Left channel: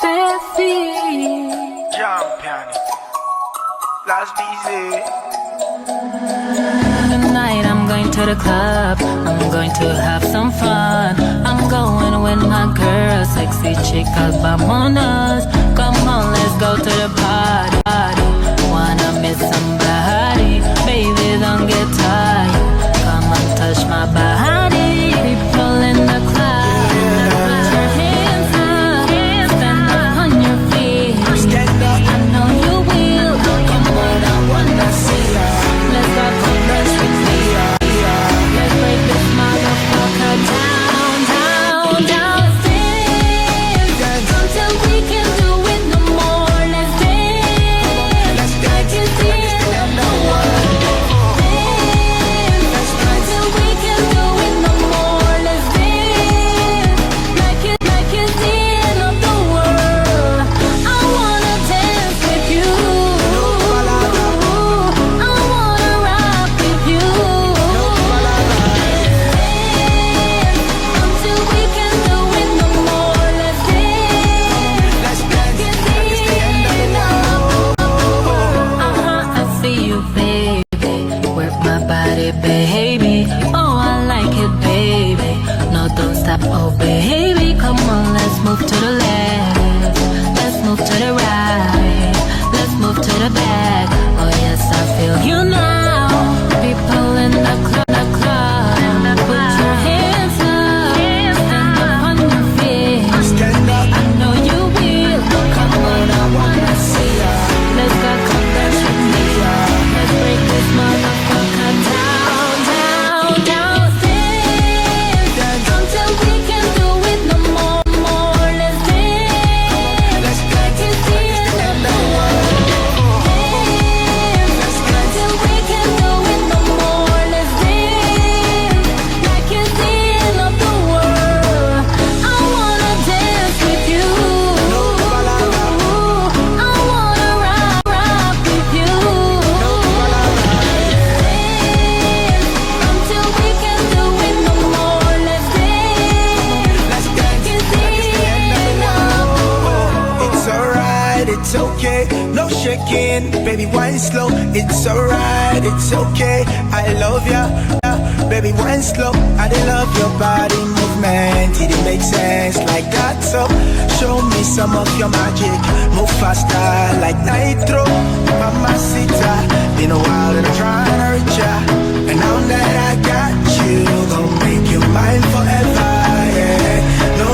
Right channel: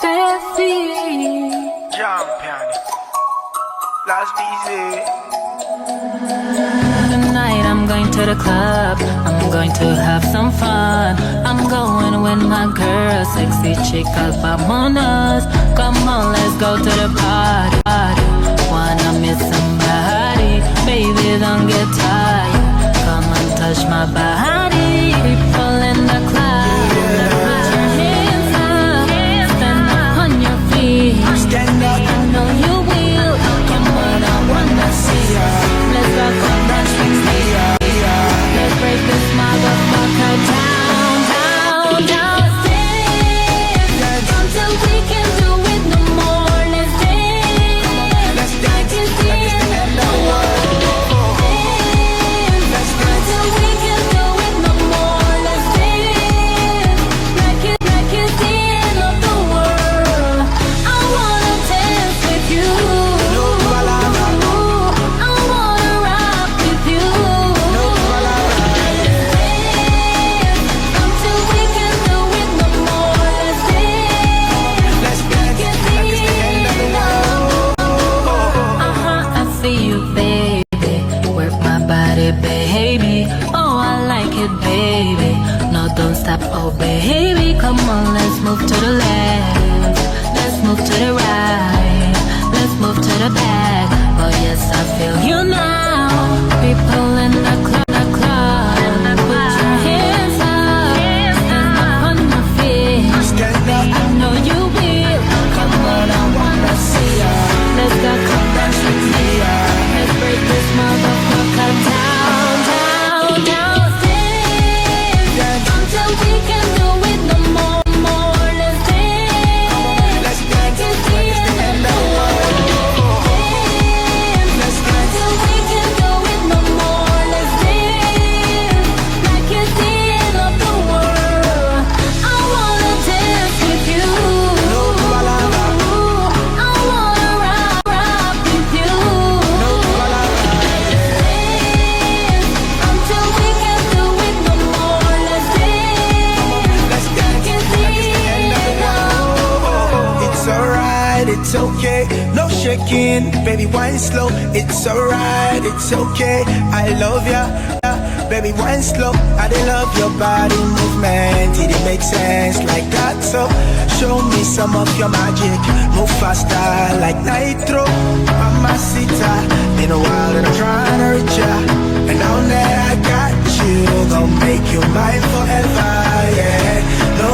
Steffi. Jump on it. Last busy. Tonight I'm going to the club, I'm going to have some fun. I'm going with my girl, sexy chica, vamonos. Come on, let's go to the party. Wanna meet somebody, baby, don't get tired. Come and touch my body. People in the club, put your hands up, stand up on your feet. Stand up. I know you will. Come on, I wanna see ya. Let's go, come dance with me. Let's break this motherfucker down, down, down. Dance until we can do it no more. Let's dance. Let's dance. Like it's the end of the world. Dance until we can do it no more. Let's dance. Like it's the end of the world. I wanna dance with you. No palabra. I wanna rock with you. No palabra. Dance until we can do it no more. Let's dance. Let's dance. Like it's the end of the world. I see you, baby. Work my body, baby. Oh, I like it, baby. No, don't stop, oh, baby. Come on, let's move to the left. Let's move to the right. Let's move to the back. Oh, yes, I feel you now. People in the club, put your hands up. Stand up on your feet. Stand up. I know you will. Come on, I wanna see ya. Let's go, come dance with me. Let's break this motherfucker down, down, down. Dance until we can do it no more, more. Let's dance. Let's dance. Like it's the end of the world. Dance. Let's dance. Until we can do it no more. Let's dance. Like it's the end of the world. I wanna dance with you. No palabra. I wanna rock with you. No palabra. Dance until we can do it no more. Let's dance. Let's dance. Like it's Like it's the end of the world. It's alright, it's okay. No shaking, baby, wine slow. It's alright, it's okay. I love ya, baby, wine slow. I dey love your body movement. It dey make sense like that. So show me some of your magic. Move faster like nitro. Mamacita, been a while and I'm trying to reach ya. And now that I got you, gon' make you mine forever, yeah. No